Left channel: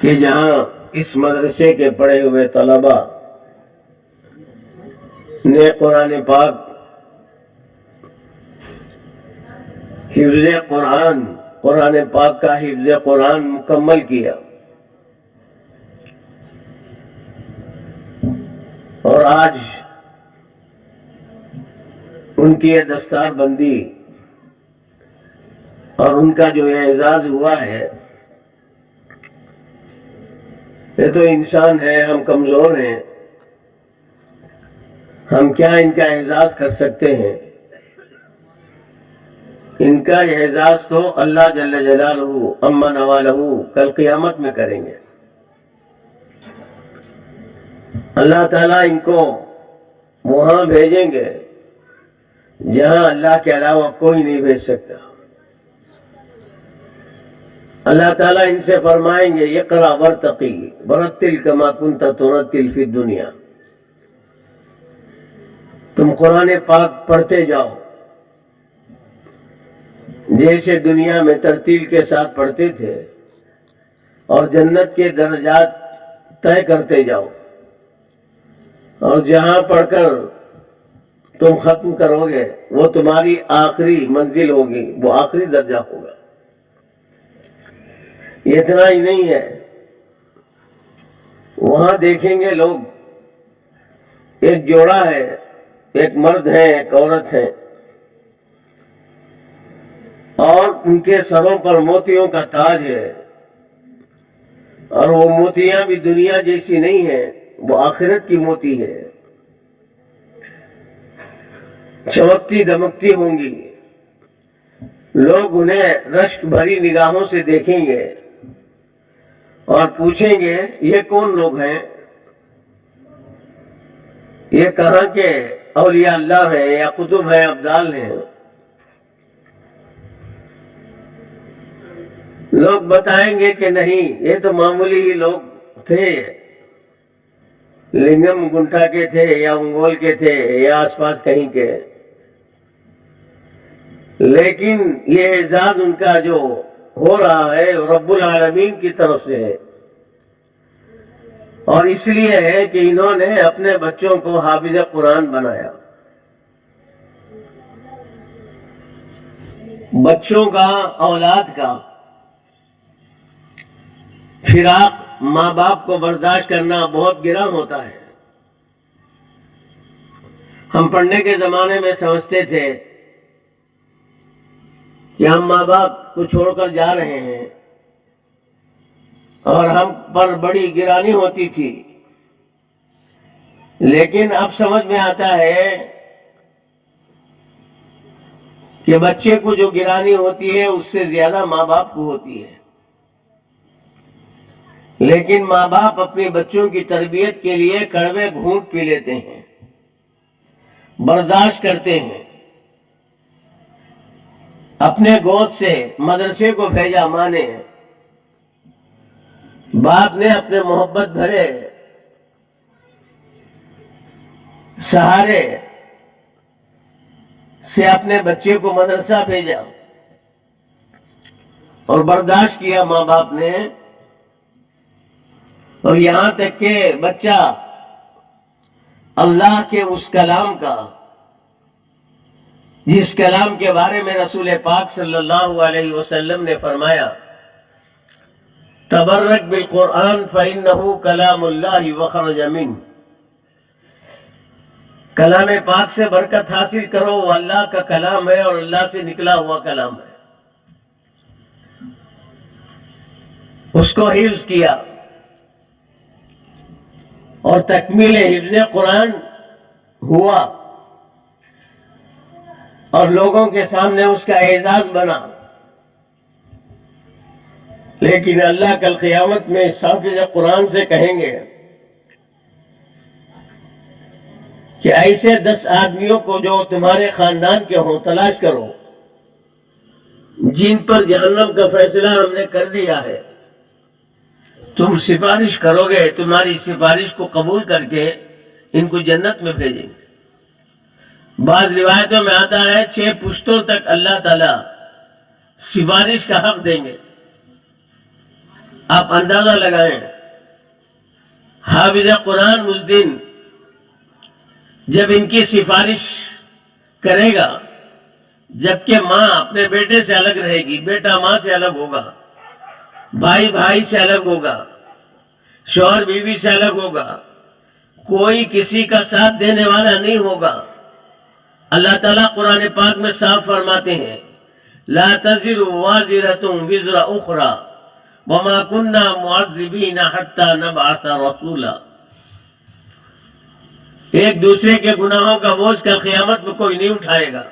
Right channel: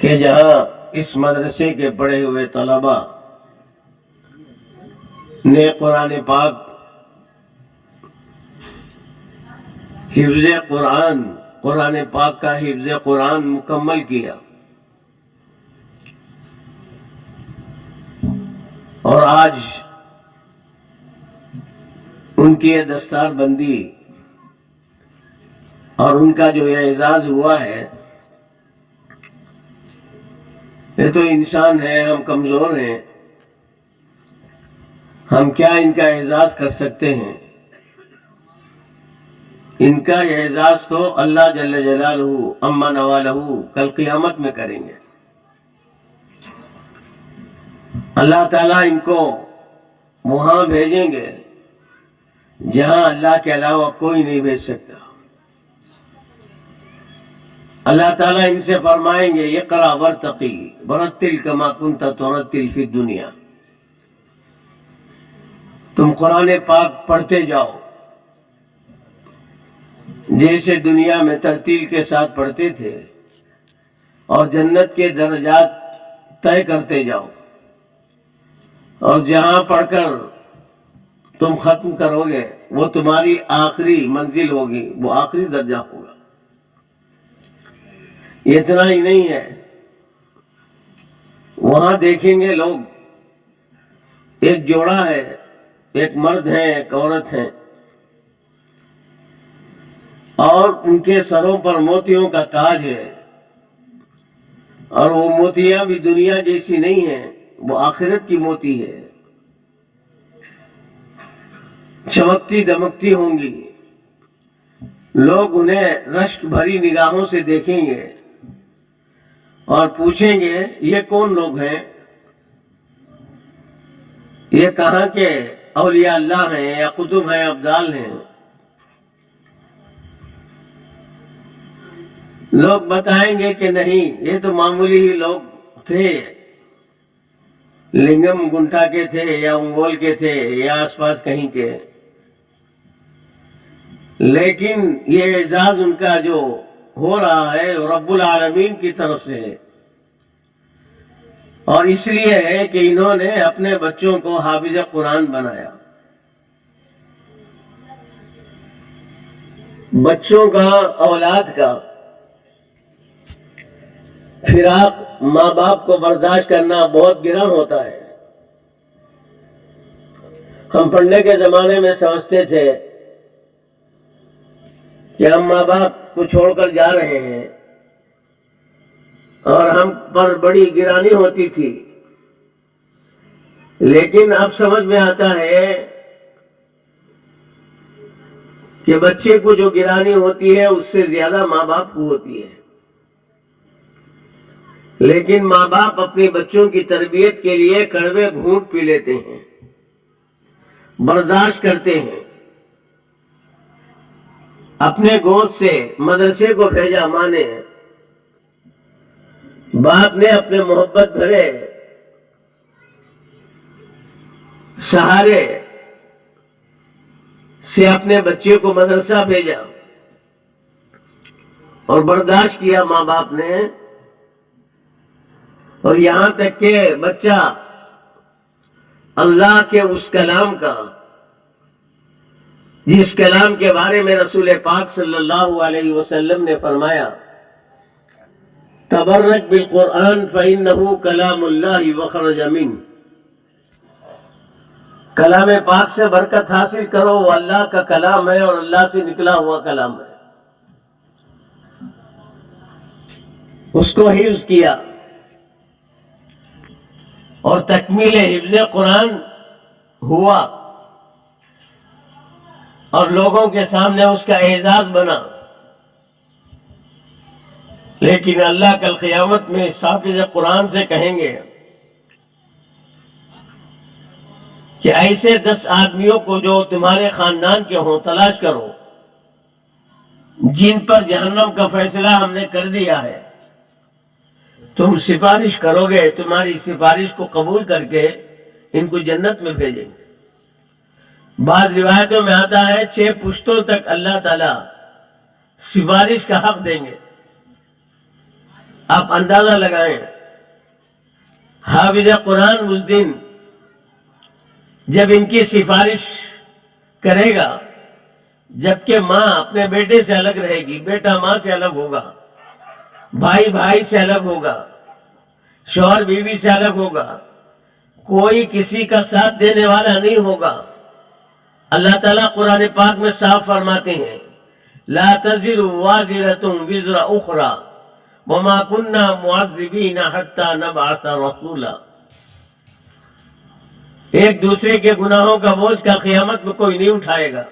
کہ جہاں اس مدرسے کے پڑھے ہوئے طلبا نے قرآن پاک حفظ قرآن پاک کا حفظ قرآن مکمل کیا اور آج ان کی یہ دستار بندی اور ان کا جو اعزاز ہوا ہے، یہ تو انسان ہے، ہم کمزور ہیں، ہم کیا ان کا اعزاز کر سکتے ہیں؟ ان کا اعزاز تو اللہ جل جلالہ عما نوالہ کل قیامت میں کریں گے۔ اللہ تعالیٰ ان کو وہاں بھیجیں گے جہاں اللہ کے علاوہ کوئی نہیں بھیج سکتا۔ اللہ تعالیٰ ان سے فرمائیں گے اقرأ وارتقی ورتل کما کنت ترتل فی الدنیا، تم قرآن پاک پڑھتے جاؤ جیسے دنیا میں ترتیل کے ساتھ پڑھتے تھے، اور جنت کے درجات طے کرتے جاؤ، اور جہاں پڑھ کر تم ختم کرو گے وہ تمہاری آخری منزل ہوگی، وہ آخری درجہ ہوگا۔ اتنا ہی نہیں ہے، وہاں دیکھیں گے لوگ ایک جوڑا ہے، ایک مرد ہے ایک عورت ہے، اور ان کے سروں پر موتیوں کا تاج ہے، اور وہ موتیاں بھی دنیا جیسی نہیں ہیں، وہ آخرت کی موتی ہے، چمکتی دمکتی ہوں گی۔ لوگ انہیں رشک بھری نگاہوں سے دیکھیں گے اور پوچھیں گے یہ کون لوگ ہیں؟ یہ کہاں کے اولیاء اللہ ہیں یا قطب ہیں، ابدال ہیں؟ لوگ بتائیں گے کہ نہیں، یہ تو معمولی ہی لوگ تھے، لنگم گنٹا کے تھے یا انگول کے تھے یا آس پاس کہیں کے، لیکن یہ اعزاز ان کا جو ہو رہا ہے رب العالمین کی طرف سے ہے، اور اس لیے ہے کہ انہوں نے اپنے بچوں کو حافظ قرآن بنایا۔ بچوں کا، اولاد کا فراق ماں باپ کو برداشت کرنا بہت گران ہوتا ہے۔ ہم پڑھنے کے زمانے میں سمجھتے تھے کہ ہم ماں باپ کو چھوڑ کر جا رہے ہیں اور ہم پر بڑی گرانی ہوتی تھی، لیکن اب سمجھ میں آتا ہے کہ بچے کو جو گرانی ہوتی ہے اس سے زیادہ ماں باپ کو ہوتی ہے، لیکن ماں باپ اپنے بچوں کی تربیت کے لیے کڑوے گھونٹ پی لیتے ہیں، برداشت کرتے ہیں۔ اپنے گود سے مدرسے کو بھیجا ماں نے، باپ نے اپنے محبت بھرے سہارے سے اپنے بچے کو مدرسہ بھیجا، اور برداشت کیا ماں باپ نے، اور یہاں تک کہ بچہ اللہ کے اس کلام کا، جس کلام کے بارے میں رسول پاک صلی اللہ علیہ وسلم نے فرمایا تبرک بالقرآن فإنہ کلام اللہ وخرج منہ، کلام پاک سے برکت حاصل کرو، وہ اللہ کا کلام ہے اور اللہ سے نکلا ہوا کلام ہے۔ اس کو حفظ کیا، اور تکمیل حفظ قرآن ہوا، اور لوگوں کے سامنے اس کا اعزاز بنا۔ لیکن اللہ کل قیامت میں اس حافظ قرآن سے کہیں گے کہ ایسے 10 آدمیوں کو جو تمہارے خاندان کے ہوں تلاش کرو، جن پر جہنم کا فیصلہ ہم نے کر دیا ہے، تم سفارش کرو گے، تمہاری سفارش کو قبول کر کے ان کو جنت میں بھیجیں گے۔ بعض روایتوں میں آتا ہے 6 پشتوں تک اللہ تعالی سفارش کا حق دیں گے۔ آپ اندازہ لگائیں، حافظ قرآن اس دن جب ان کی سفارش کرے گا، جبکہ ماں اپنے بیٹے سے الگ رہے گی، بیٹا ماں سے الگ ہوگا، بھائی بھائی سے الگ ہوگا، شوہر بیوی سے الگ ہوگا، کوئی کسی کا ساتھ دینے والا نہیں ہوگا۔ اللہ تعالیٰ قرآن پاک میں صاف فرماتے ہیں، لا تزر وازرۃ وزر اخرى وما كنا معذبین حتی نبعث رسولا۔ ایک دوسرے کے گناہوں کا بوجھ کل قیامت میں کوئی نہیں اٹھائے گا۔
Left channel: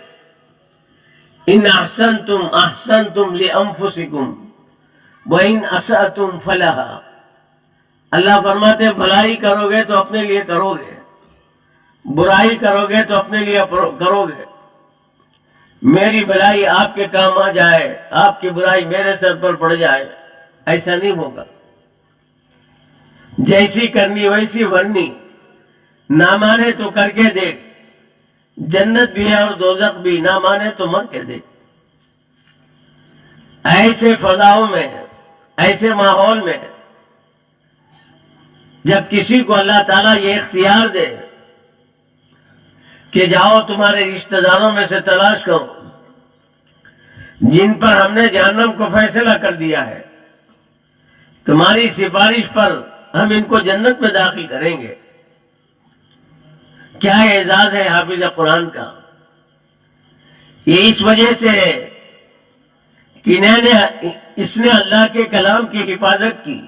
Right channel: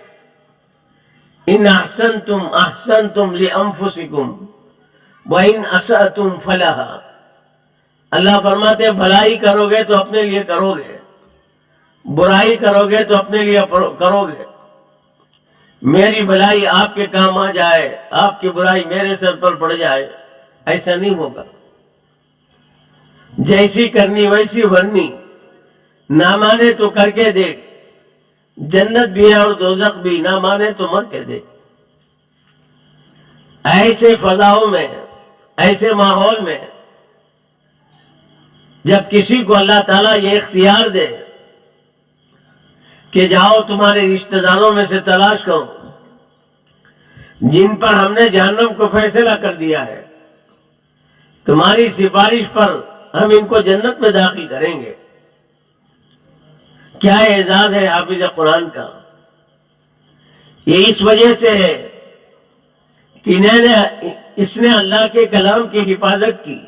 ان احسنتم احسنتم لانفسکم وان اسأتم فلہا۔ اللہ فرماتے ہیں بھلائی کرو گے تو اپنے لیے کرو گے، برائی کرو گے تو اپنے لیے کرو گے۔ میری بھلائی آپ کے کام آ جائے، آپ کی برائی میرے سر پر پڑ جائے، ایسا نہیں ہوگا۔ جیسی کرنی ویسی بھرنی، نہ مانے تو کر کے دیکھ، جنت بھی ہے اور دوزخ بھی، نہ مانے تو مر کے دیکھ۔ ایسے فضاؤں میں، ایسے ماحول میں جب کسی کو اللہ تعالیٰ یہ اختیار دے کہ جاؤ تمہارے رشتہ داروں میں سے تلاش کرو جن پر ہم نے جہنم کو فیصلہ کر دیا ہے، تمہاری سفارش پر ہم ان کو جنت میں داخل کریں گے۔ کیا اعزاز ہے حافظ قرآن کا! یہ اس وجہ سے ہے کہ اس نے اللہ کے کلام کی حفاظت کی،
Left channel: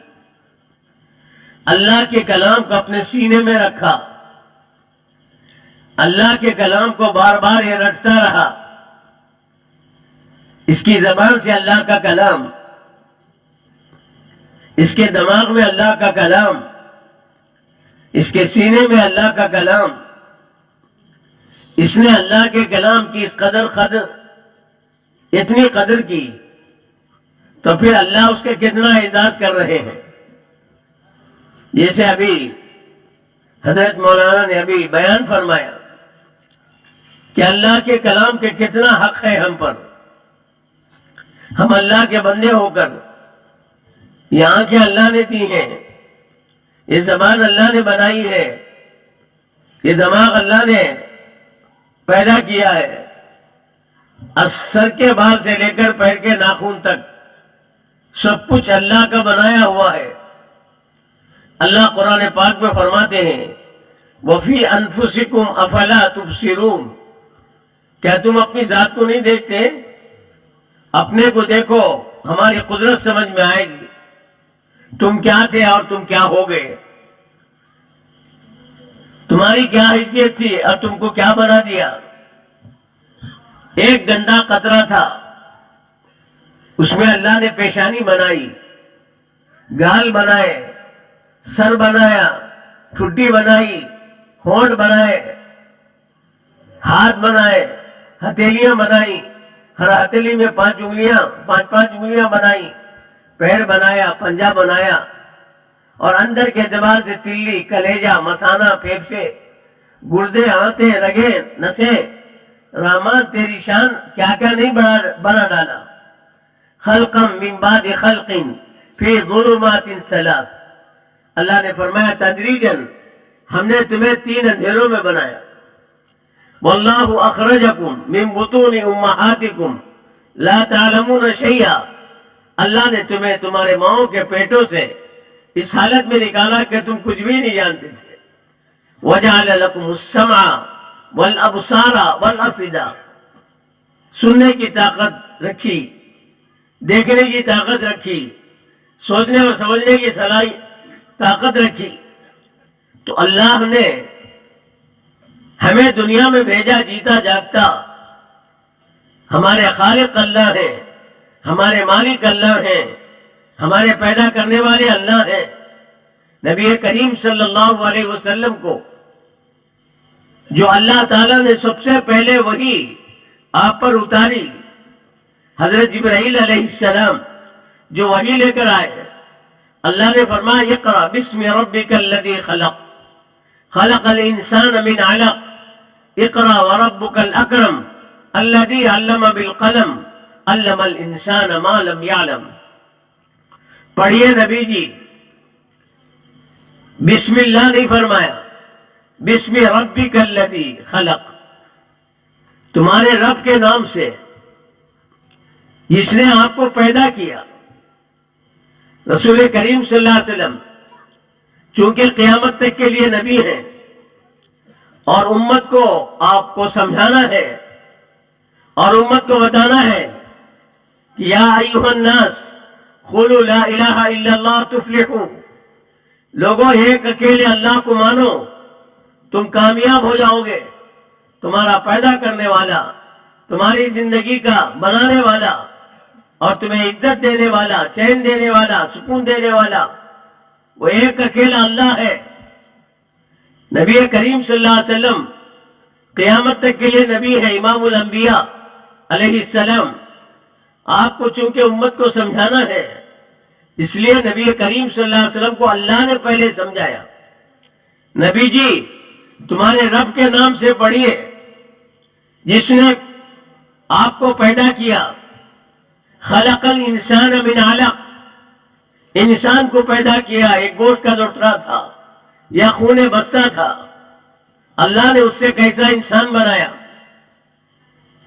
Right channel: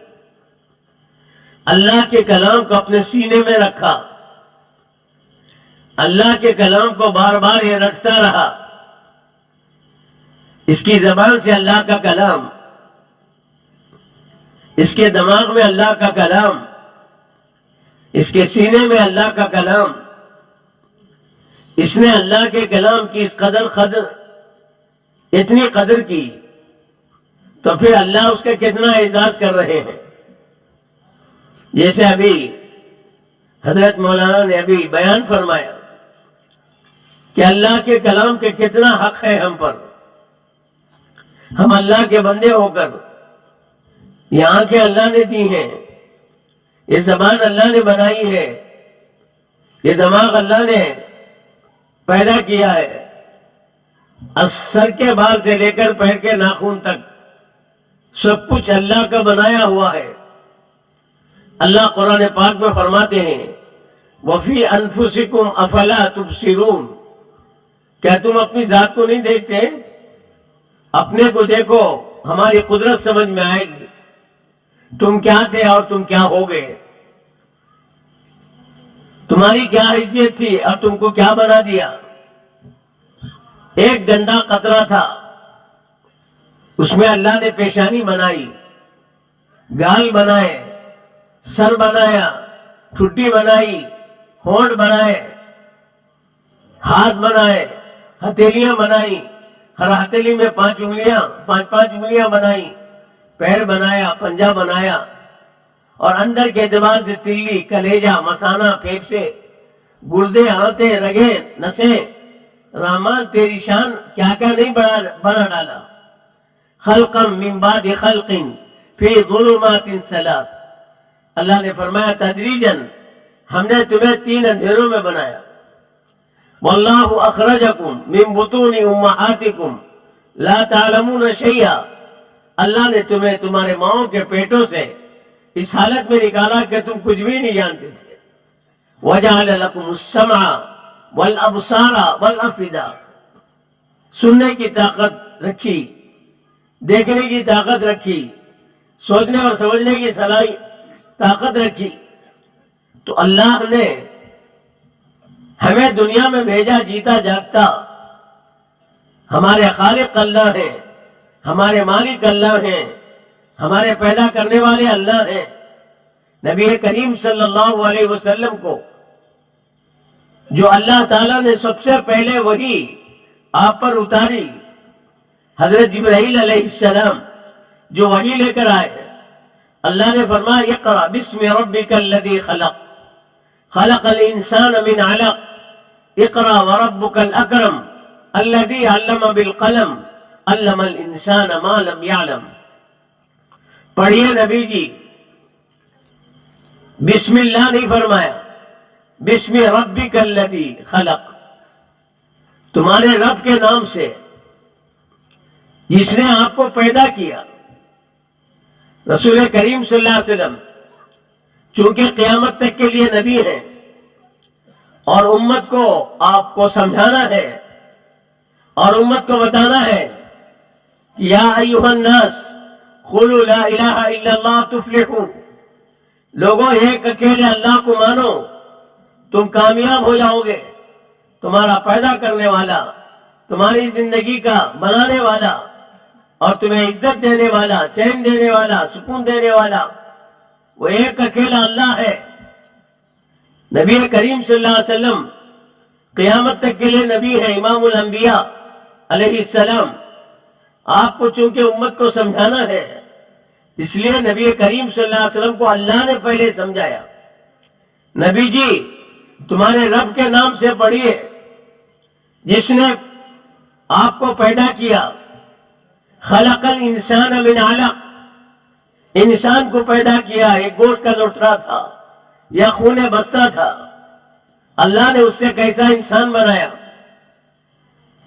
اللہ کے کلام کو اپنے سینے میں رکھا، اللہ کے کلام کو بار بار یہ رٹتا رہا۔ اس کی زبان سے اللہ کا کلام، اس کے دماغ میں اللہ کا کلام، اس کے سینے میں اللہ کا کلام۔ اس نے اللہ کے کلام کی اس قدر اتنی قدر کی، تو پھر اللہ اس کے کتنا اعزاز کر رہے ہیں۔ جیسے ابھی حضرت مولانا نے ابھی بیان فرمایا کہ اللہ کے کلام کے کتنا حق ہے ہم پر۔ ہم اللہ کے بندے ہو کر یہ آنکھیں اللہ نے دی ہیں، یہ زبان اللہ نے بنائی ہے، یہ دماغ اللہ نے پیدا کیا ہے، سر کے بال سے لے کر پیر کے ناخن تک سب کچھ اللہ کا بنایا ہوا ہے۔ اللہ قرآن پاک میں فرماتے ہیں وَفِي أَنفُسِكُمْ أَفَلَا تُبْصِرُونَ۔ کیا تم اپنی ذات کو نہیں دیکھتے؟ اپنے کو دیکھو، ہماری قدرت سمجھ میں آئے گی، تم کیا تھے اور تم کیا ہو گئے، تمہاری کیا حیثیت تھی اور تم کو کیا بنا دیا۔ ایک گندا قطرہ تھا، اس میں اللہ نے پیشانی بنائی، گال بنائے، سر بنایا، ٹھڈی بنائی، ہونٹ بنائے، ہاتھ بنائے، ہتھیلیاں بنائی، ہر ہتھیلی میں 5 انگلیاں بنائی، پیر بنایا، پنجہ بنایا، اور اندر کے اعتبار سے تلی، کلیجہ، مثانہ، پھیپھڑے، گردے، آنتیں، رگیں، نسیں، رحمان تیری شان کیا کیا نہیں بنا ڈالا۔ خلقا من بعد خلق فی ظلمات ثلاث۔ اللہ نے فرمایا تدریجاً ہم نے تمہیں 3 اندھیروں میں بنایا۔ واللہ اخرجکم من بطون امہاتکم لا تعلمون شیئا۔ اللہ نے تمہیں تمہارے ماؤں کے پیٹوں سے اس حالت میں نکالا کہ تم کچھ بھی نہیں جانتے تھے۔ وجعل لکم السمع والابصار والافئدہ۔ سننے کی طاقت رکھی، دیکھنے کی طاقت رکھی، سوچنے اور سمجھنے کی طاقت رکھی۔ تو اللہ نے ہمیں دنیا میں بھیجا جیتا جاگتا۔ ہمارے خالق اللہ ہیں، ہمارے مالک اللہ ہیں، ہمارے پیدا کرنے والے اللہ ہیں۔ نبی کریم صلی اللہ علیہ وسلم کو جو اللہ تعالیٰ نے سب سے پہلے وہی آپ پر اتاری، حضرت جبرائیل علیہ السلام جو وحی لے کر آئے، اللہ نے فرمایا اقرأ بسم ربک الذی خلق خلق الانسان من علق اقرأ وربک الاکرم الذی علم بالقلم علم الانسان ما لم يعلم۔ پڑھیے نبی جی، بسم اللہ نہیں فرمایا، بسم ربک الذی خلق، تمہارے رب کے نام سے جس نے آپ کو پیدا کیا۔ رسول کریم صلی اللہ علیہ وسلم چونکہ قیامت تک کے لیے نبی ہیں اور امت کو آپ کو سمجھانا ہے اور امت کو بتانا ہے کہ یا ایھا الناس قولوا لا الہ الا اللہ تفلحوا، لوگوں ایک اکیلے اللہ کو مانو تم کامیاب ہو جاؤ گے، تمہارا پیدا کرنے والا، تمہاری زندگی کا بنانے والا اور تمہیں عزت دینے والا، چین دینے والا، سکون دینے والا وہ ایک اکیلا اللہ ہے۔ نبی کریم صلی اللہ علیہ وسلم قیامت تک کے لیے نبی ہے، امام الانبیاء علیہ السلام۔ آپ کو چونکہ امت کو سمجھانا ہے اس لیے نبی کریم صلی اللہ علیہ وسلم کو اللہ نے پہلے سمجھایا، نبی جی تمہارے رب کے نام سے پڑھیے جس نے آپ کو پیدا کیا۔ خلق الانسان من علق، انسان کو پیدا کیا، ایک گوشت کا لوٹرا تھا یا خون بستہ تھا، اللہ نے اس سے کیسا انسان بنایا؟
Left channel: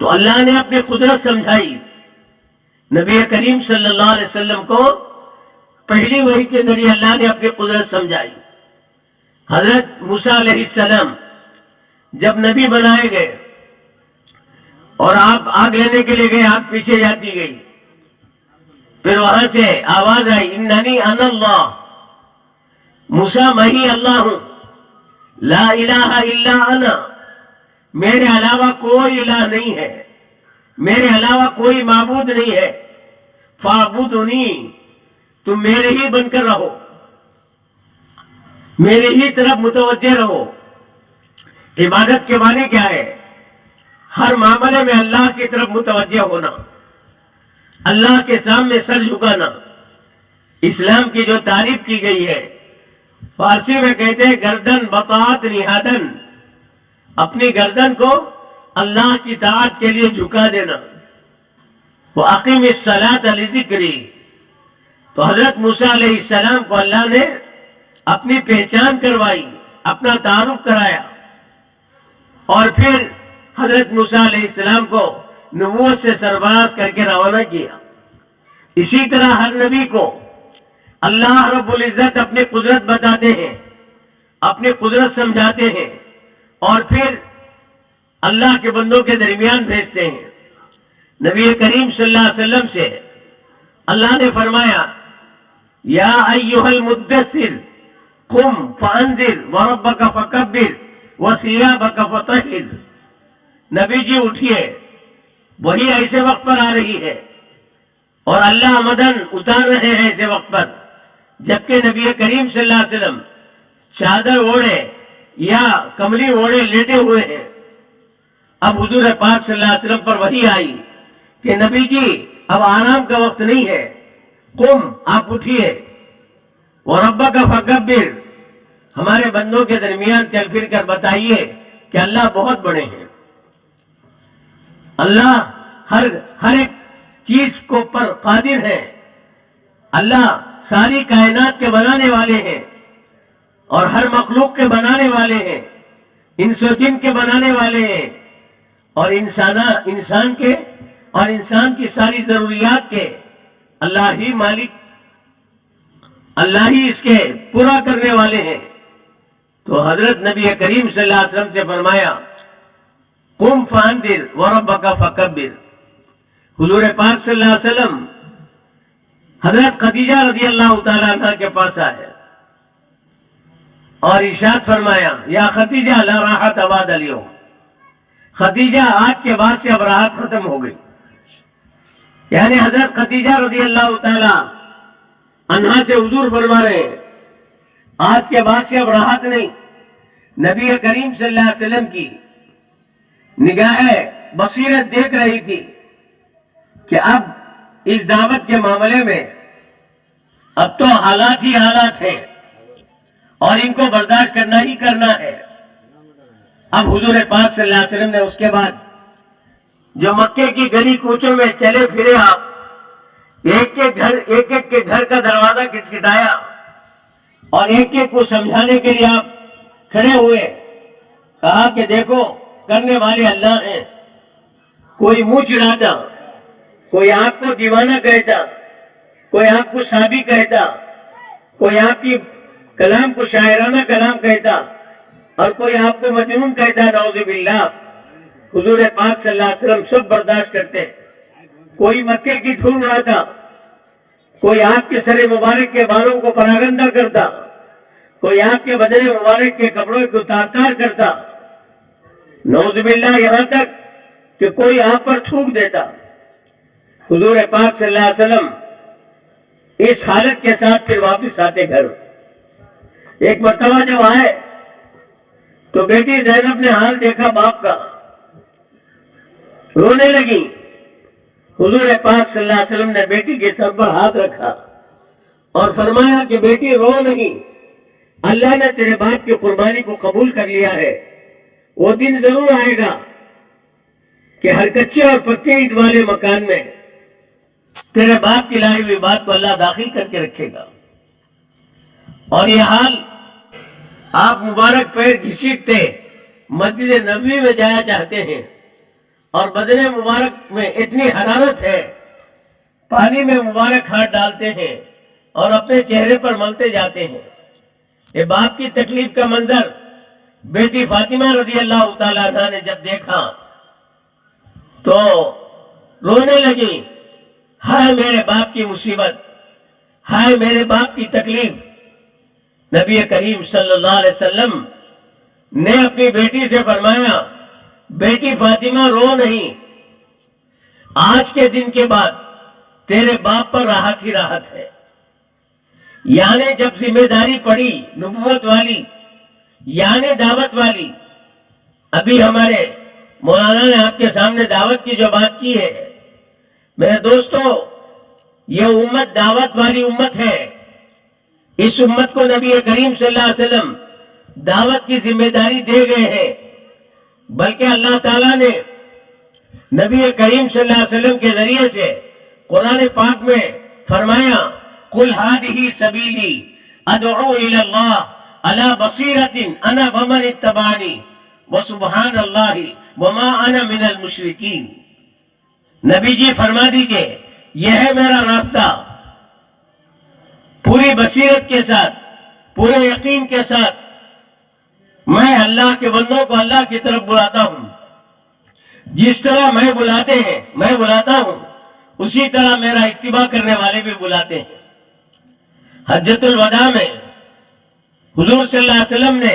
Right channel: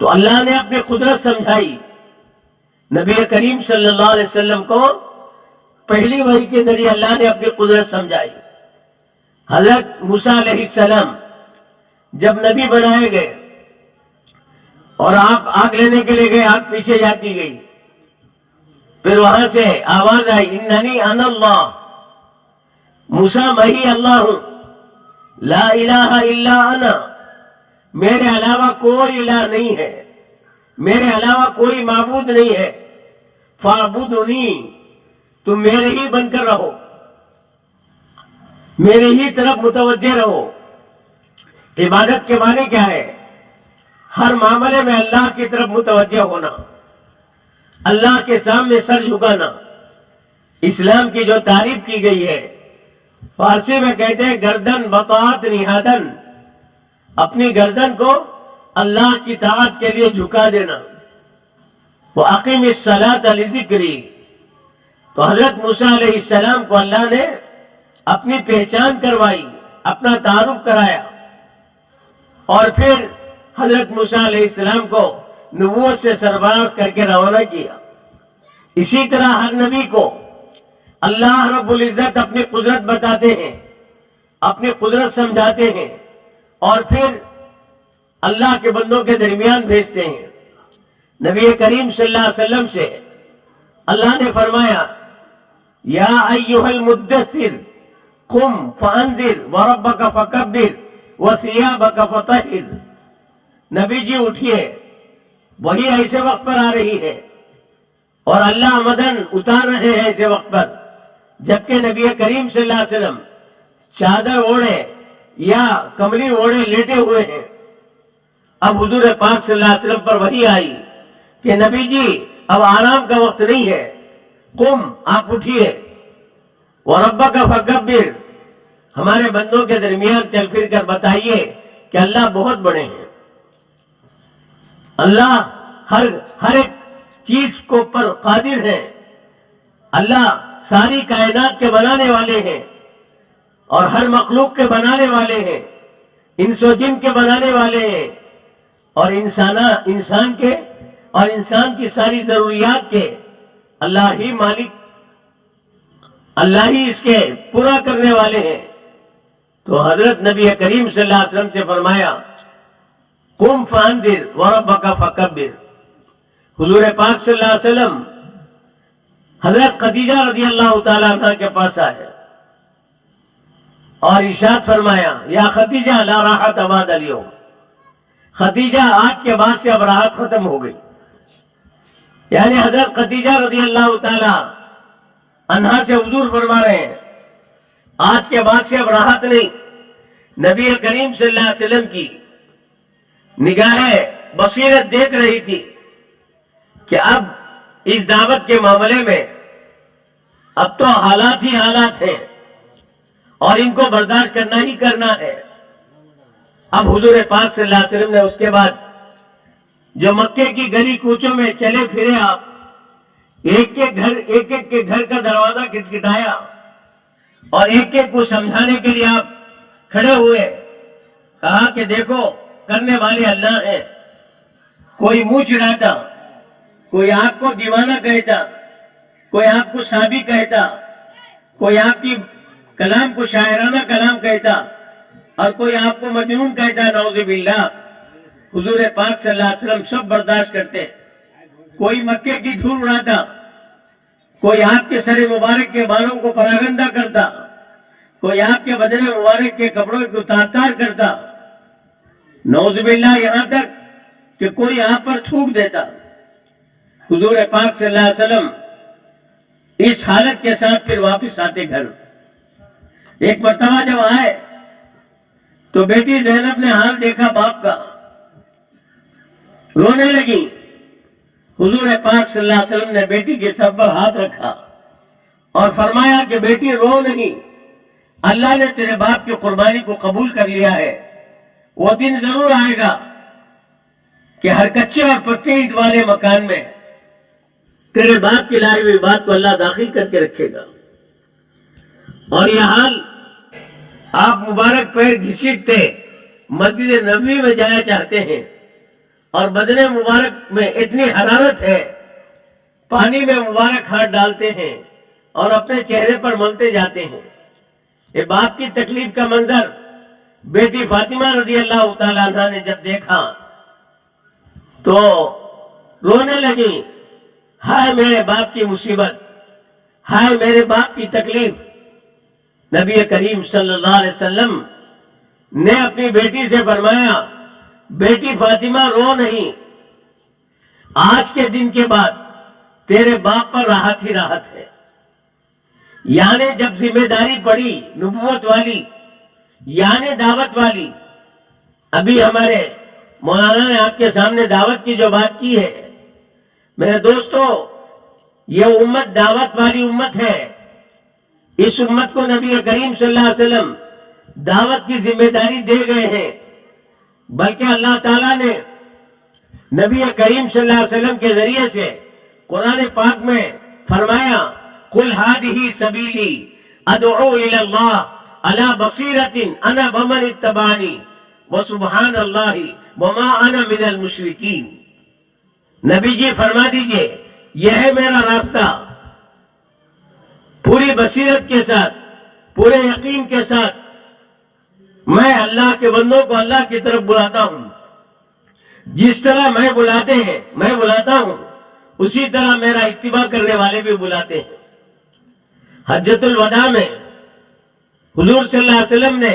تو اللہ نے اپنی قدرت سمجھائی، نبی کریم صلی اللہ علیہ وسلم کو پہلی وحی کے ذریعے اللہ نے اپنی قدرت سمجھائی۔ حضرت موسیٰ علیہ السلام جب نبی بنائے گئے اور آپ آگ لینے کے لیے گئے، آگ پیچھے جاتی گئی، پھر وہاں سے آواز آئی اننی انا اللہ، موسیٰ میں ہی اللہ ہوں، لا الہ الا انا، میرے علاوہ کوئی الہ نہیں ہے، میرے علاوہ کوئی معبود نہیں ہے، فاعبدونی، تم میرے ہی بن کر رہو، میرے ہی طرف متوجہ رہو۔ عبادت کے معنی کیا ہے؟ ہر معاملے میں اللہ کی طرف متوجہ ہونا، اللہ کے سامنے سر جھکانا۔ اسلام کی جو تعریف کی گئی ہے، فارسی میں کہتے ہیں گردن بطاعت نہادن، اپنی گردن کو اللہ کی طاعت کے لیے جھکا دینا۔ وَأَقِمِ الصَّلَاةَ لِذِكْرِي، تو حضرت موسیٰ علیہ السلام کو اللہ نے اپنی پہچان کروائی، اپنا تعارف کرایا، اور پھر حضرت موسیٰ علیہ السلام کو نبوت سے سرفراز کر کے روانہ کیا۔ اسی طرح ہر نبی کو اللہ رب العزت اپنی قدرت بتاتے ہیں، اپنی قدرت سمجھاتے ہیں، اور پھر اللہ کے بندوں کے درمیان بھیجتے ہیں۔ نبی کریم صلی اللہ علیہ وسلم سے اللہ نے فرمایا یا ایھا المدثر قم فانذر وربک فکبر وثیابک فطہر، نبی جی اٹھیے، وہی ایسے وقت پر آ رہی ہے اور اللہ مدن اتار رہے ہیں ایسے وقت پر جبکہ نبی کریم صلی اللہ علیہ وسلم چادر اوڑھے یا کملی اوڑھے لیٹے ہوئے ہیں۔ اب حضور پاک صلی اللہ علیہ وسلم پر وحی آئی کہ نبی جی اب آرام کا وقت نہیں ہے، قم، آپ اٹھیے، وَرَبَّكَ فَكَبِّرْ، ہمارے بندوں کے درمیان چل پھر کر بتائیے کہ اللہ بہت بڑے ہیں، اللہ ہر ایک چیز کو پر قادر ہے، اللہ ساری کائنات کے بنانے والے ہیں اور ہر مخلوق کے بنانے والے ہیں، انس و جن کے بنانے والے ہیں، اور انسان کے اور انسان کی ساری ضروریات کے اللہ ہی مالک، اللہ ہی اس کے پورا کرنے والے ہیں۔ تو حضرت نبی کریم صلی اللہ علیہ وسلم سے فرمایا قم فانذر وربک فکبر۔ حضور پاک صلی اللہ علیہ وسلم حضرت خدیجہ رضی اللہ تعالیٰ عنہ کے پاس آئے اور ارشاد فرمایا یا خدیجہ لا راحت بعد اليوم، خدیجہ آج کے بعد سے اب راحت ختم ہو گئی، یعنی حضرت خدیجہ رضی اللہ تعالیٰ عنہا سے حضور فرما رہے ہیں آج کے بعد سے اب راحت نہیں۔ نبی کریم صلی اللہ علیہ وسلم کی نگاہ بصیرت دیکھ رہی تھی کہ اب اس دعوت کے معاملے میں اب تو حالات ہی حالات ہیں اور ان کو برداشت کرنا ہی کرنا ہے۔ اب حضور پاک صلی اللہ علیہ وسلم نے اس کے بعد جو مکے کی گلی کوچوں میں چلے پھرے آپ، ایک ایک کے گھر کا دروازہ کٹکھٹایا اور ایک ایک کو سمجھانے کے لیے آپ کھڑے ہوئے، کہا کہ دیکھو کرنے والے اللہ ہیں۔ کوئی منہ چڑھاتا، کوئی آپ کو دیوانہ کہتا، کوئی آپ کو صحابی کہتا، کوئی آپ کی کلام کو شاعرانہ کلام کہتا، اور کوئی آپ کو مجنون کہتا، نعوذ باللہ۔ حضور پاک صلی اللہ علیہ وسلم سب برداشت کرتے۔ کوئی مکے کی دھول اڑاتا، کوئی آپ کے سر مبارک کے بالوں کو پراگندہ کرتا، کوئی آپ کے بدن مبارک کے کپڑوں کو تار تار کرتا، نعوذ باللہ، یہاں تک کہ کوئی آپ پر تھوک دیتا۔ حضور پاک صلی اللہ علیہ وسلم اس حالت کے ساتھ پھر واپس آتے گھر۔ ایک مرتبہ جب آئے تو بیٹی زینب نے حال دیکھا باپ کا، رونے لگی۔ حضور پاک صلی اللہ علیہ وسلم نے بیٹی کے سر پر ہاتھ رکھا اور فرمایا کہ بیٹی رو نہیں، اللہ نے تیرے باپ کی قربانی کو قبول کر لیا ہے۔ وہ دن ضرور آئے گا کہ ہر کچے اور پکے اینٹ والے مکان میں تیرے باپ کی لائی ہوئی بات کو اللہ داخل کر کے رکھے گا۔ اور یہ حال آپ مبارک پیر گھسیٹتے مسجد نبوی میں جایا چاہتے ہیں، اور بدن مبارک میں اتنی حرارت ہے، پانی میں مبارک ہاتھ ڈالتے ہیں اور اپنے چہرے پر ملتے جاتے ہیں۔ یہ باپ کی تکلیف کا منظر بیٹی فاطمہ رضی اللہ تعالیٰ عنہ نے جب دیکھا تو رونے لگی، ہائے میرے باپ کی مصیبت، ہائے میرے باپ کی تکلیف۔ نبی کریم صلی اللہ علیہ وسلم نے اپنی بیٹی سے فرمایا، بیٹی فاطمہ رو نہیں، آج کے دن کے بعد تیرے باپ پر راحت ہی راحت ہے۔ یعنی جب ذمہ داری پڑی نبوت والی، یعنی دعوت والی، ابھی ہمارے مولانا نے آپ کے سامنے دعوت کی جو بات کی ہے، میرے دوستو، یہ امت دعوت والی امت ہے۔ اس امت کو نبی کریم صلی اللہ علیہ وسلم دعوت کی ذمہ داری دے گئے ہیں، بلکہ اللہ تعالیٰ نے نبی کریم صلی اللہ علیہ وسلم کے ذریعے سے قرآن پاک میں فرمایا، قُلْ هَٰذِهِ سَبِيلِي أَدْعُو إِلَى اللَّهِ عَلَىٰ بَصِيرَةٍ أَنَا وَمَنِ اتَّبَعَنِي وَسُبْحَانَ اللَّهِ وَمَا أَنَا مِنَ الْمُشْرِكِينَ۔ نبی جی فرما دیجئے، یہ ہے میرا راستہ، پوری بصیرت کے ساتھ، پورے یقین کے ساتھ میں اللہ کے بندوں کو اللہ کی طرف بلاتا ہوں۔ جس طرح میں بلاتا ہوں اسی طرح میرا اتباع کرنے والے بھی بلاتے ہیں۔ حجۃ الوداع میں حضور صلی اللہ علیہ وسلم نے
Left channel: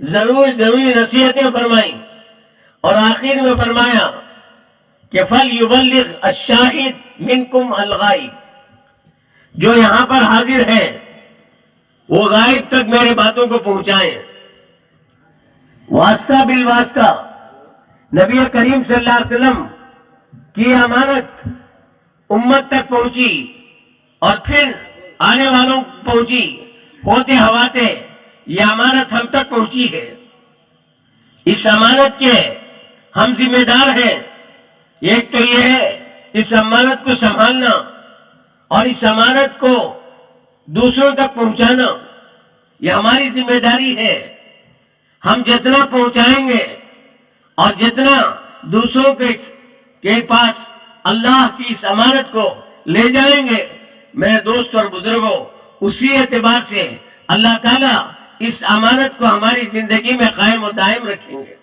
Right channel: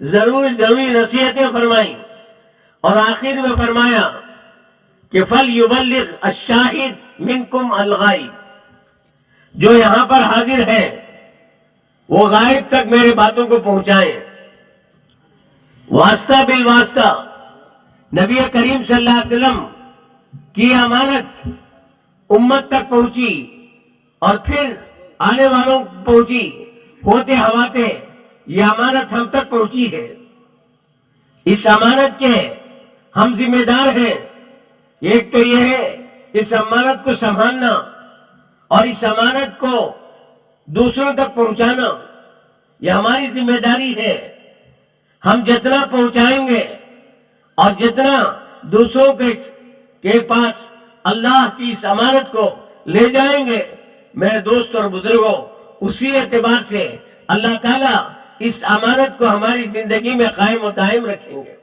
ضروری نصیحتیں فرمائیں، اور آخر میں فرمایا کہ فَلْيُبَلِّغْ الشَّاهِدُ مِنْكُمْ الْغَائِبَ، جو یہاں پر حاضر ہیں وہ غائب تک میرے باتوں کو پہنچائیں۔ واسطہ بالواسطہ نبی کریم صلی اللہ علیہ وسلم کی امانت امت تک پہنچی، اور پھر آنے والوں پہنچی، ہوتے ہواتے یہ امانت ہم تک پہنچی ہے۔ اس امانت کے ہم ذمہ دار ہیں۔ ایک تو یہ ہے اس امانت کو سنبھالنا اور اس امانت کو دوسروں تک پہنچانا، یہ ہماری ذمہ داری ہے۔ ہم جتنا پہنچائیں گے اور جتنا دوسروں کے پاس اللہ کی اس امانت کو لے جائیں گے، میرے دوست اور بزرگوں، اسی اعتبار سے اللہ تعالیٰ اس امانت کو ہماری زندگی میں قائم و دائم رکھیں گے۔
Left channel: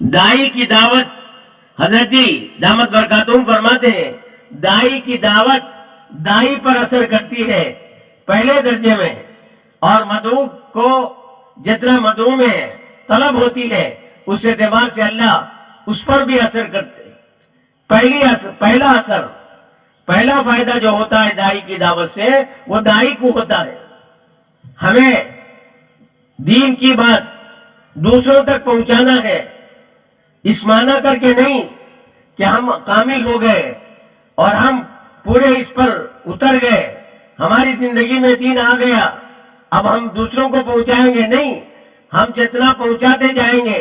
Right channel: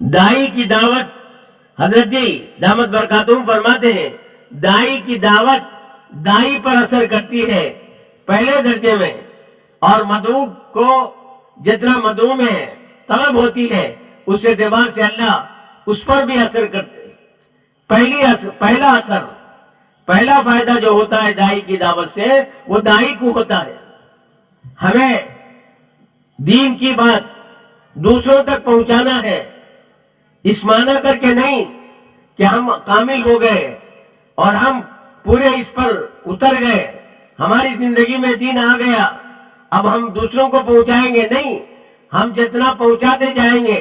دائی کی دعوت، حضرت جی دامت برکاتہم فرماتے ہیں، دائی کی دعوت دائی پر اثر کرتی ہے پہلے درجے میں، اور مدعو کو جتنا مدعو میں طلب ہوتی ہے اس اعتبار سے اللہ اس پر بھی اثر کرتے ہیں۔ پہلا فائدہ جو ہوتا ہے دائی کی دعوت سے، وہ دائی کو ہوتا ہے۔ ہمیں دین کی بات دوسروں تک پہنچانا ہے، اس معنی کر کے نہیں کہ ہم کامل ہو گئے اور ہم پورے اس پر اتر گئے، ہماری زندگی میں دین آ گیا، اب ہم دوسروں کو پہنچائیں گے، نہیں، ہم جتنا پہنچاتے جائیں گے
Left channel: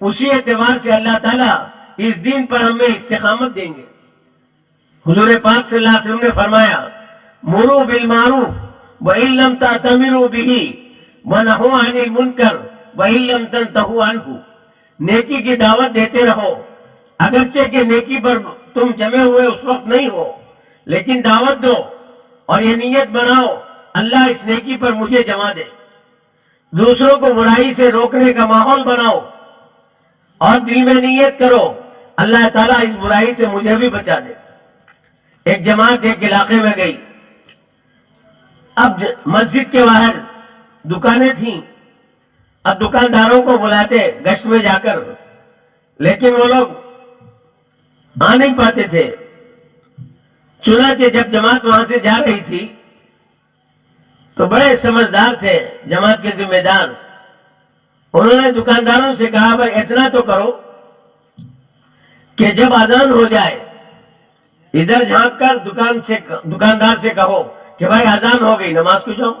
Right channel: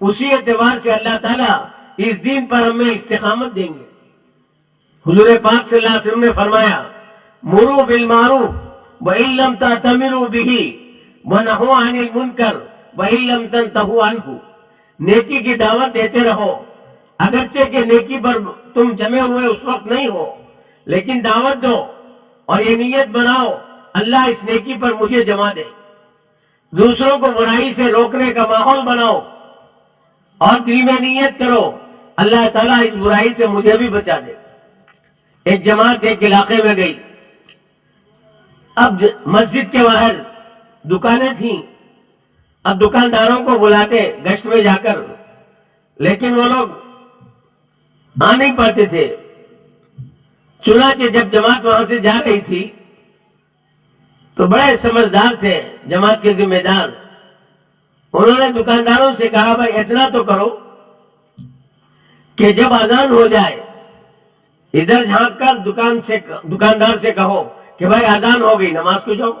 اسی اعتبار سے اللہ تعالیٰ اس دین پر ہمیں استقامت دیں گے۔ حضور پاک صلی اللہ علیہ وسلم نے فرمایا مرو بالمعروف وَإِن لَّمْ تَأْتَمِرُوا بِهِ وَنَهُوا عَنِ الْمُنكَرِ وَإِن لَّمْ تَنْتَهُوا عَنْهُ، نیکی کی دعوت دیتے رہو اگرچہ کہ نیکی پر تم جمے ہوئے اس وقت نہیں ہو، لیکن دعوت دو اور یہ نیت بناؤ اللہ اس نیکی پر مجھے جمع دے۔ دوسروں کو برائی سے روکنے کا ماحول بناؤ اور دل میں نیت کرو اللہ تعالیٰ اس برائی سے مجھے بھی بچا دے۔ ایک جماعت ایک علاقے میں گئی، اب مسجد کے باہر دکانیں تھیں، اب دکانداروں کو بلاتے گشت میں جا کر، لیکن وہ لوگ آ نہیں پاتے تھے۔ چنانچہ جب جماعت وہاں سے جا رہی تھی تو بڑے سمجھدار تھے جماعت کے ذمہ دار، انہوں نے دکانداروں سے کہا بھائی اتنا تو کرو کہ جب اذان ہو جائے ادھر جھانک کر دکاندار سے کہو کہ بھائی اذان ہو گئی نماز کو جاؤ،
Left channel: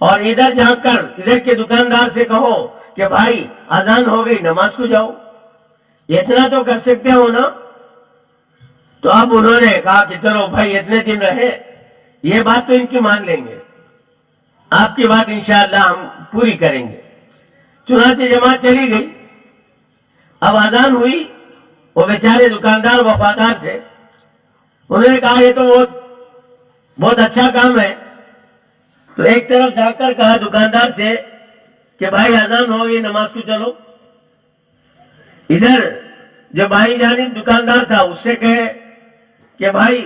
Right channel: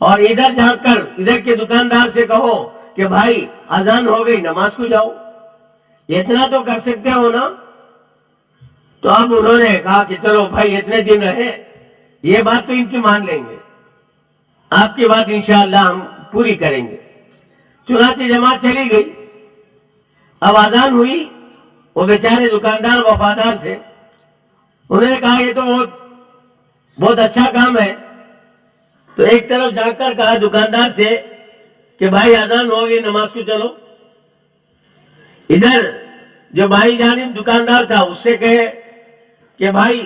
اور ادھر جھانک کر ادھر کے دکاندار سے کہو کہ بھائی اذان ہو گئی نماز کو جاؤ۔ اتنا تو کر سکتے ہو نا؟ تو اب انہوں نے کہا کہ چلو بھائی اتنے دن رہے، یہ بات تو ان کی مان لیں گے، آپ کی بات انشاءاللہ ہم پوری کریں گے۔ چنانچہ جماعت چلی گئی، اب اذان ہوئی، وہ بیچارے دکاندار وفادار تھے، انہوں نے کہا یہ تو بہت اچھا کام ہے، تو ایک طرف جا کر کہا دکاندار سے کہ بھائی اذان ہو گئی نماز کو چلو، ادھر جو بھائی جانب دکاندار تھا اس سے کہے کہ بھائی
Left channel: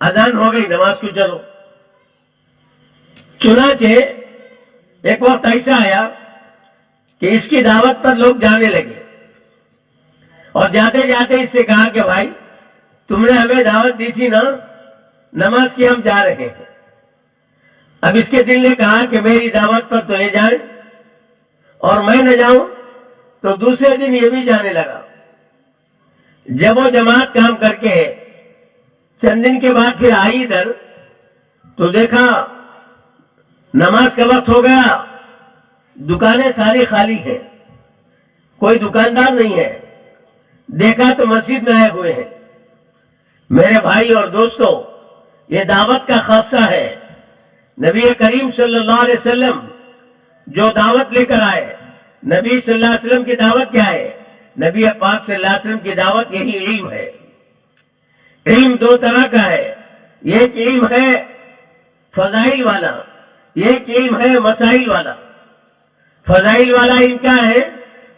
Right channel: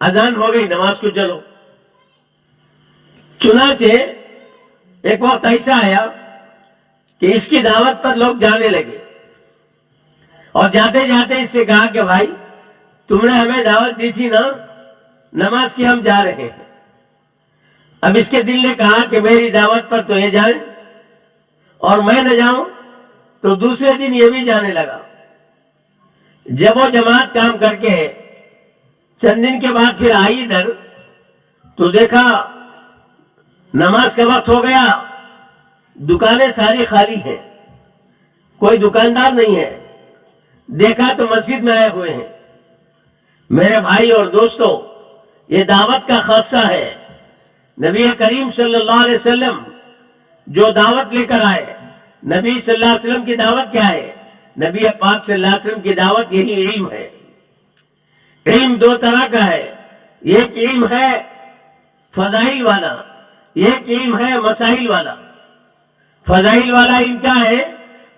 اذان ہو گئی نماز کو چلو۔ چنانچہ ایک وقت ایسا آیا کہ اس کی دعوت پر لوگ جانے لگے، اور جاتے جاتے اس سے کہا کہ بھائی تم نے ہمیں دعوت دی تھی نا نماز کی، ہم جا رہے ہیں۔ اب اس کے دل نے کہا کہ میری دعوت پر تو یہ جائیں اور میں نہ جاؤں، تو دوسرے دن یہ بھی جانے لگا۔ جب وہ جماعت کام کر کے چند دن کے بعد پھر آئی ادھر تو دیکھا نماز کا وقت ہو گیا، دکانیں ساری خالی ہیں، کوئی دکاندار نہیں ہے، دیکھا تو مسجد میں آئے ہوئے ہیں۔ میرے بھائی اور دوستو، یہ دعوت کا خاصہ ہے۔ نبی کریم صلی اللہ علیہ وسلم جو دعوت لے کر آئے، نبی صلی اللہ علیہ وسلم کی دعوت کیا ہے؟ نبی پاک صلی اللہ علیہ وسلم کی دعوت یہی علم ہے۔ علم دو طرح کا ہے، ایک علم ہے فضائل والا، ایک علم ہے مسائل والا۔ فضائل والا علم کیا ہے؟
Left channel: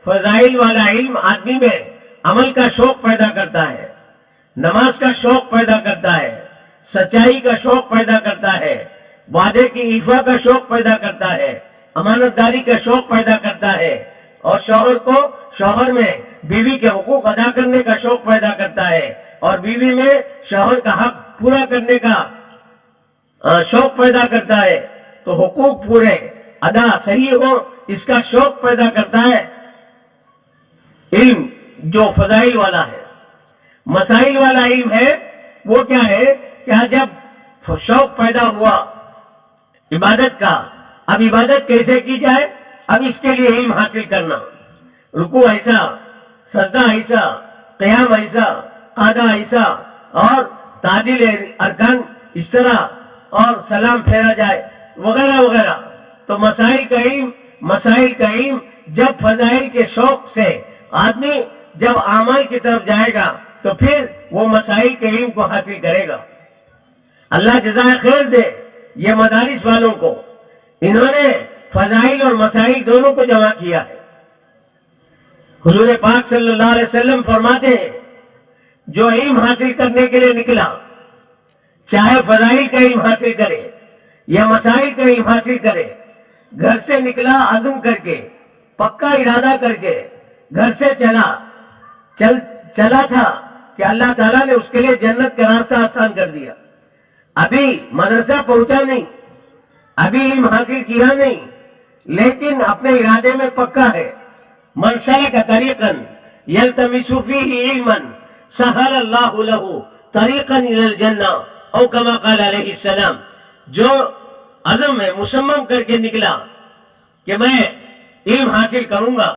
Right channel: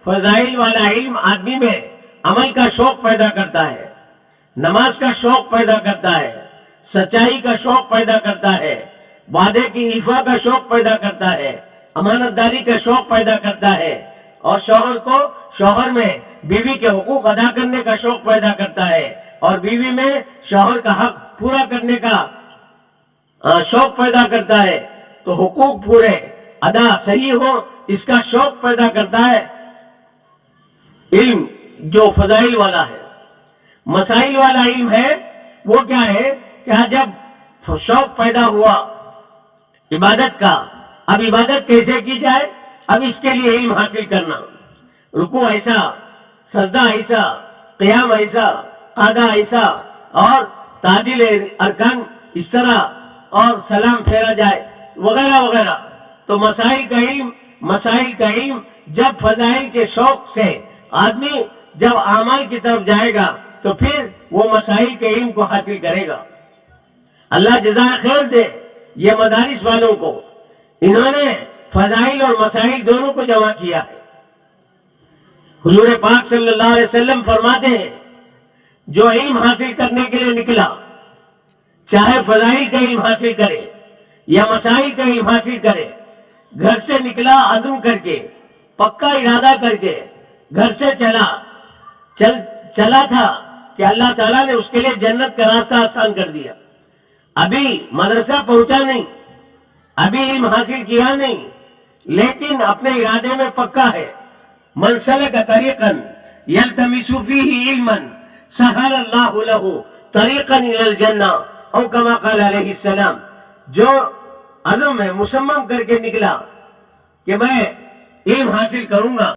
فضائل والا علم آدمی میں عمل کا شوق پیدا کرتا ہے، نماز کا شوق پیدا کرتا ہے، سچائی کا شوق پیدا کرتا ہے، وعدے کی ایفا کا شوق پیدا کرتا ہے، امانت داری کا شوق پیدا کرتا ہے، اور شوہر میں بیوی کے حقوق ادا کرنے کا شوق پیدا کرتا ہے، اور بیوی میں شوہر کا حق پورا کرنے کا شوق پیدا کرتا ہے۔ تو حقوق پورے ادا صحیح ہو اس کا شوق پیدا کرتا ہے علم جو فضائل والا ہے۔ مسائل والا علم ہے وہ کیا ہے کہ جب شوق پیدا ہوا عبادت کا، اب عبادت کیسے کی جائے، اب اس کے لیے علم حاصل کرنا، رکوع ایسا، سجدہ ایسا، قیام ایسا، قعدہ ایسا، اور تعدیل ارکان اس طرح، اور سلام پھیرا جائے وغیرہ وغیرہ۔ تو مسائل کا علم جب فضائل کے شوق سے آدمی جب اعمال کی طرف جائے گا تو پھر وہ مسائل کے علم کو حاصل کرے گا۔ اللہ جزائے خیر دے یہ مدارس والوں کو، انہوں نے فضائل اور مسائل دونوں کو جمع کیا ہے۔ حضور پاک صلی اللہ علیہ وسلم فرماتے ہیں جو علم حاصل کرنے کے لیے نکلا، چاہے فضائل کا علم حاصل کرے یا مسائل کا علم حاصل کرے، گھر سے نکلا عزم کر کے، پکا ارادہ کر کے گھر سے چلا تھا کہ اللہ تعالیٰ نے اس کے لیے جنت کا راستہ آسان کر دیا۔ ابھی مدرسہ پہنچا نہیں، ابھی علم حاصل کیا نہیں، لیکن اپنے ارادے میں پکا ہے۔ من سلک طریقا یلتمس فیہ علما سہل اللہ لہ طریقا الی الجنہ، او کما قال علیہ السلام۔ جو عزم میں مصمم کر کے نکلا کہ میں علم حاصل کروں گا،